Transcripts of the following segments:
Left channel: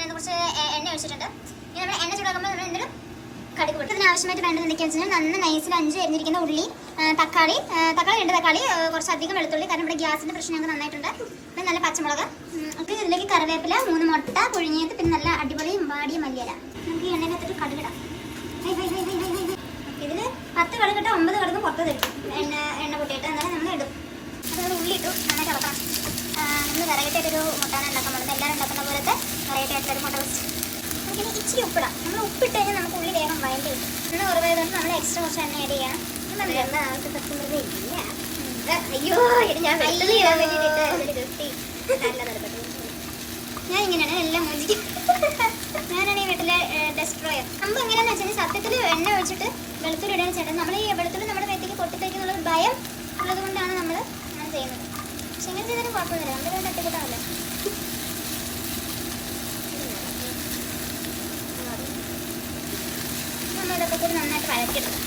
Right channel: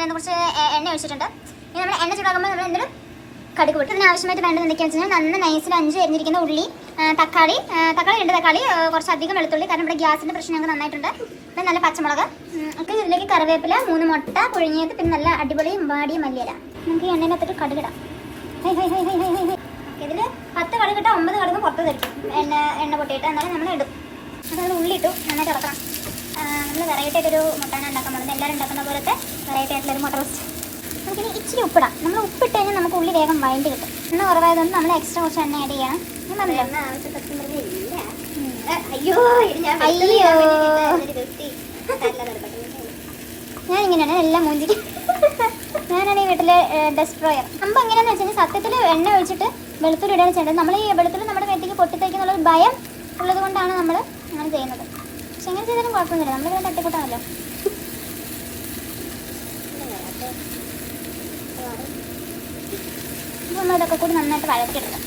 നമ്മൾ കുറച്ച് എണ്ണ ഒഴിച്ചിട്ടുണ്ട് ഇനി നമ്മൾ എണ്ണ ചൂടാക്കുമ്പോൾ നമ്മൾ എന്തെങ്കിലും കടുക് പൊട്ടി. ഇതിനാവശ്യമായിട്ട് വേണ്ടത് എന്തൊക്കെയാണെന്ന് വെച്ചാൽ നന്ന നൈസിൽ അഞ്ച് എരിഞ്ഞിരിക്കുന്ന ഉള്ളി തക്കാളി തക്കാളി രണ്ട് തക്കാളി കുറച്ചധികം വെളുത്തുള്ളി കാരണം ഇവിടെ ഗ്യാസിന്റെ പ്രശ്നം ഞങ്ങൾക്ക് നന്നായിട്ടുണ്ട്. പിന്നെ നല്ല പച്ചമുളക്. ഒക്കെ ഇതിലേക്ക് കറിവേപ്പില മൂന്ന് മുട്ട പുഴുങ്ങിയത് പിന്നെ നല്ല അടിപൊളി വാടിയ മല്ലിയല. നമുക്ക് ഈ എണ്ണയിനകത്തിട്ട് കടുകിടാം ഇതിൽ പത്ത് കടുകിട്ട ഒമ്പത് കടുകും പുറത്ത് തരും. എണ്ണ എണ്ണ പൊട്ടിയിട്ട്. എന്നാലും നമ്മൾ ഇടും അത് നമ്മൾ ഉള്ളി ഇട്ടു. നന്നായിട്ട് ഇറക്കണം വെറൈറ്റി ആയിട്ടൊരു മുട്ടാണ് ഉണ്ടാക്കാൻ പോകുന്നത് എല്ലാവരും ഉണ്ടാക്കുന്ന പോലത്തെ വെറൈറ്റി ആയിട്ടുള്ള ഒരു മുട്ട റോസ്റ്റ് നമുക്കിനി ഇച്ചിരി ഉപ്പിടാം. നമ്മൾ ഉപ്പിട്ട് കഴിഞ്ഞാൽ നമുക്ക് ഉള്ളി വേഗം വഴണ്ടി കിട്ടും. എണ്ണ കുറവായതുകൊണ്ട് നമ്മൾ എക്സ്ട്രാ കുറച്ച് എണ്ണ ആഡ് ചെയ്യണം. അയ്യോ ഞാൻ ഇങ്ങനെയാണ് എല്ലാം മൂഞ്ചിക്ക്. ഞാനാണ് ഈ വീട്ടിലെ ഡെസ്ട്രോയർ നമ്മൾ എങ്ങനെയാണെന്ന് വെച്ചാൽ സത്യത്തിൽ എണ്ണ ഒഴിച്ചിട്ട് വെളുത്തുള്ളി ഇടുകയാണ് ചെയ്യേണ്ടത് നമ്മൾ ഈ വെളുത്തുള്ളി നമ്മുടെ മേത്തേക്ക് പൊട്ടിത്തേക്കുന്നുള്ളത് ഭയം ഉള്ളത് കൊണ്ടാണ് നമ്മൾ അങ്ങനെ ചെയ്യുന്നത് എങ്ങനെ ചെയ്താലും കുഴപ്പമൊന്നുമില്ല. നമ്മളിത് തട്ടിക്കൂട്ടാണല്ലോ നമ്മൾ ഇതൊക്കെ കൂടി നന്നായിട്ട് വഴറ്റിയിട്ടത്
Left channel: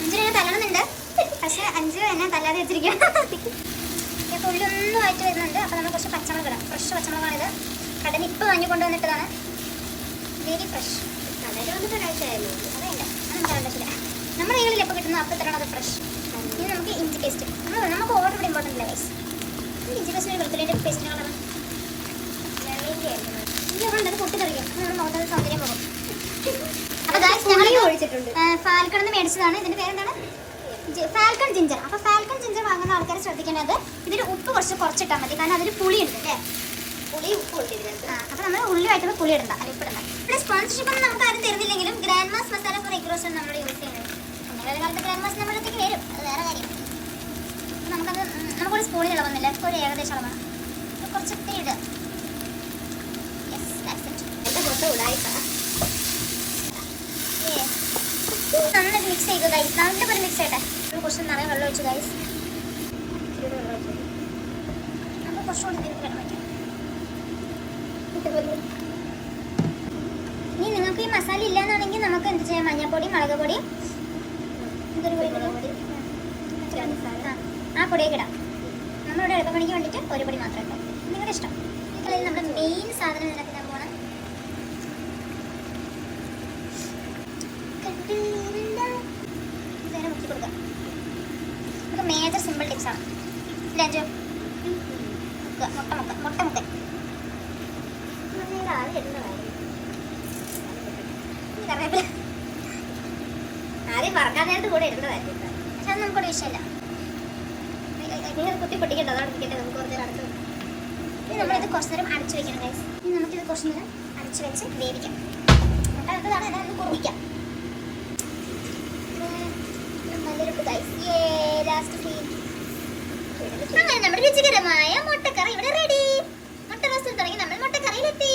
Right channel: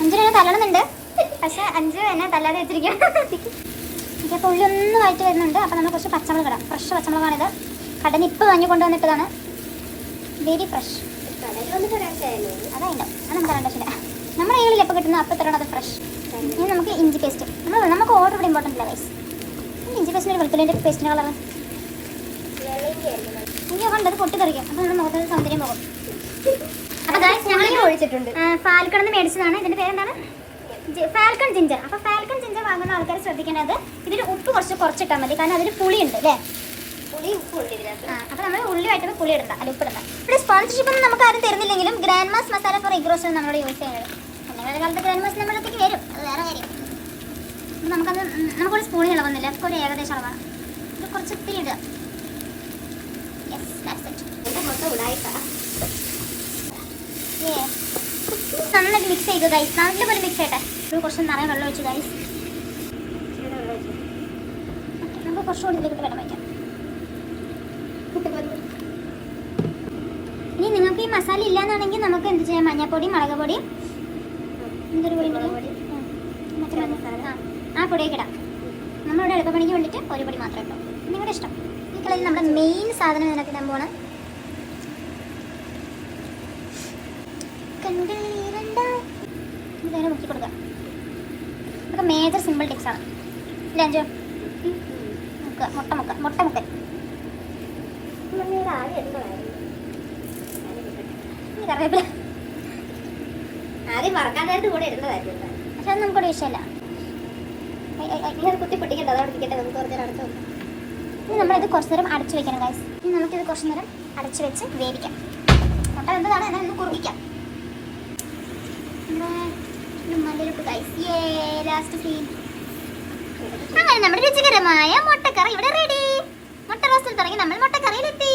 അഞ്ചിനെ ഞാൻ തല്ലണമെന്നുണ്ട് പക്ഷെ അഞ്ച് എന്നെ തല്ലാതെ വെച്ചിരിക്കും അപ്പോൾ ഉള്ളി ഒന്ന് വഴറ്റി വരുന്നുണ്ട്. അപ്പോൾ നമ്മൾ കുറച്ച് പച്ചമുളക് ഇടാം. ഫ്രഷ് പച്ചമുളകാണിത്. കടന് ഇപ്പോൾ വാങ്ങി കൊണ്ടുവന്നിട്ടതാണ്. വെരി ഫ്രഷ് കടയിൽ വന്നിട്ട് ഒരാഴ്ചയായല്ലോ. അതുണ്ട് അത് നമുക്ക് കണ്ടിട്ടില്ല നമ്മുടെ കയ്യിൽ എപ്പോൾ കിട്ടുന്നു അപ്പോൾ തരണം അത് ഫ്രഷ് ഇനി നമുക്ക് ഇഞ്ചി പേസ്റ്റ് നമ്മൾ നമുക്ക് ഓർഡർ ഇവിടെ ഇമ്പോർട്ടന്റ് ഇല്ല വൈസ് ഇഞ്ചി പേസ്റ്റ് ഒരു വെളുത്തുള്ളിന്റെ പേസ്റ്റിന്റെ കളർ ഇഞ്ചി കണ്ടത് പൊട്ടിത്തെറിക്കും അപ്പോൾ നമ്മൾ മുഖത്തിന് സൗന്ദര്യം പോകും. അപ്പോൾ ഞങ്ങൾ ഒഴിച്ചിട്ടുണ്ട്. ഫാൽക്കൺ എന്ന് മേടിച്ചതാണ്. ഇതിന്റെ പേരെന്താണ്? ഫാൽക്കൺ ജിഞ്ചർ അപ്പൊ ഫാൽക്കൺ ജിഞ്ചർ വാങ്ങുന്ന ആൾക്കാർ ശ്രദ്ധിക്കേണ്ടത് ഇതിൽ ഉപ്പ് കുറച്ച് കുറച്ചിട്ടാൽ മതി. കാരണം അതിൽ പുളിയുണ്ട് അല്ലേ? പുളി ഉപ്പുണ്ട് ഇതിനകത്ത്. അപ്പോൾ അപ്പൊ നമ്മൾ ഉള്ളി വഴറ്റുമ്പോൾ പുളി ഇടണ്ട. അല്ല ഉപ്പിടണ്ട. ഇവിടെ സ്പോൺസർഷിപ്പ് ഒന്നും നമുക്ക് ആരും തരുന്നില്ലെങ്കിലും grand mass masala for egg roast നമ്മളോട് യൂസ് ചെയ്യുന്നത്. ഒന്നേ കാലത്ത് ഗ്രാൻഡ് മാസ് നമ്മുടെ അടുത്തേക്ക് വരും വേറെ കാര്യം. നമുക്കത് നമുക്കൊരു സ്പൂണിൽ ഇളവുന്നില്ല നമുക്ക് ഒരു ഏകദേശം അളവാണ് ഇത് കുറച്ച് ഒത്തിരി ഇടുക. നന്നായിട്ട് മിക്സ് ചെയ്തു ഗൈസ് നല്ലപോലെ മിക്സ് ചെയ്യട്ടെ. ഒരു കുറച്ച് നിറയെ വെള്ളം ഒഴിച്ചു ഗൈസ് നമുക്ക് കുറച്ചുകൂടി ഇതിലേക്ക് വെള്ളം വയ്ക്കാം ഇനി നിങ്ങൾക്ക് ഈ മസാല ഇല്ലാന്നാണെങ്കിൽ നമുക്ക് എന്ത് ചെയ്യാം? മഞ്ഞൾപ്പൊടി മുളക് പൊടി എന്തൊരു പൊടി മുളക് പൊടി. മറ്റേ മസാല ആ, പൊടിയൊക്കെ ഇടാം. നമ്മളിവിടെ എളുപ്പപ്പണിക്ക് വേണ്ടിയിട്ട് ഒരു പൊടി മാത്രമേ ഇട്ടു. നിങ്ങളുടെ ഇഷ്ടം. ഇതിൽ നമ്മുടെ മെയിൻ സാധനം ഇതിനകത്ത് ഇടാൻ പോകണം നേരെ മുക്കി കൊടുക്കാം. ഇതൊക്കെ മേജർ സിമ്പിൾ ടിപ്സ് ആണ്. ഇല്ല അഞ്ചോ മുക്ക മുട്ട മുക്ക മുട്ട മുക്ക. കറിവേപ്പില. ആദ്യം നേരത്ത് കൂടെ ഇടുന്നതായിരുന്നു ഇത്. പക്ഷെ അത് നമുക്കൊരു വിഷയമല്ല. നമുക്ക് കുറച്ച് നേരം ഇനി വെക്കണം ഗൈസ് ഇനി നമുക്കിത് കുറച്ച് നേരം അടച്ചു വെച്ച് വേവിക്കാം. മുട്ട എന്താണ് അതിനെ ഒന്ന് കുറുകിക്കാം അങ്ങനെ നമ്മുടെ രുചികരമായ മുട്ടക്കറി ഇവിടെ റെഡി മുട്ട റോസ്റ്റിൽ തുടങ്ങി നമ്മൾ മുട്ടക്കറി ഇട്ടി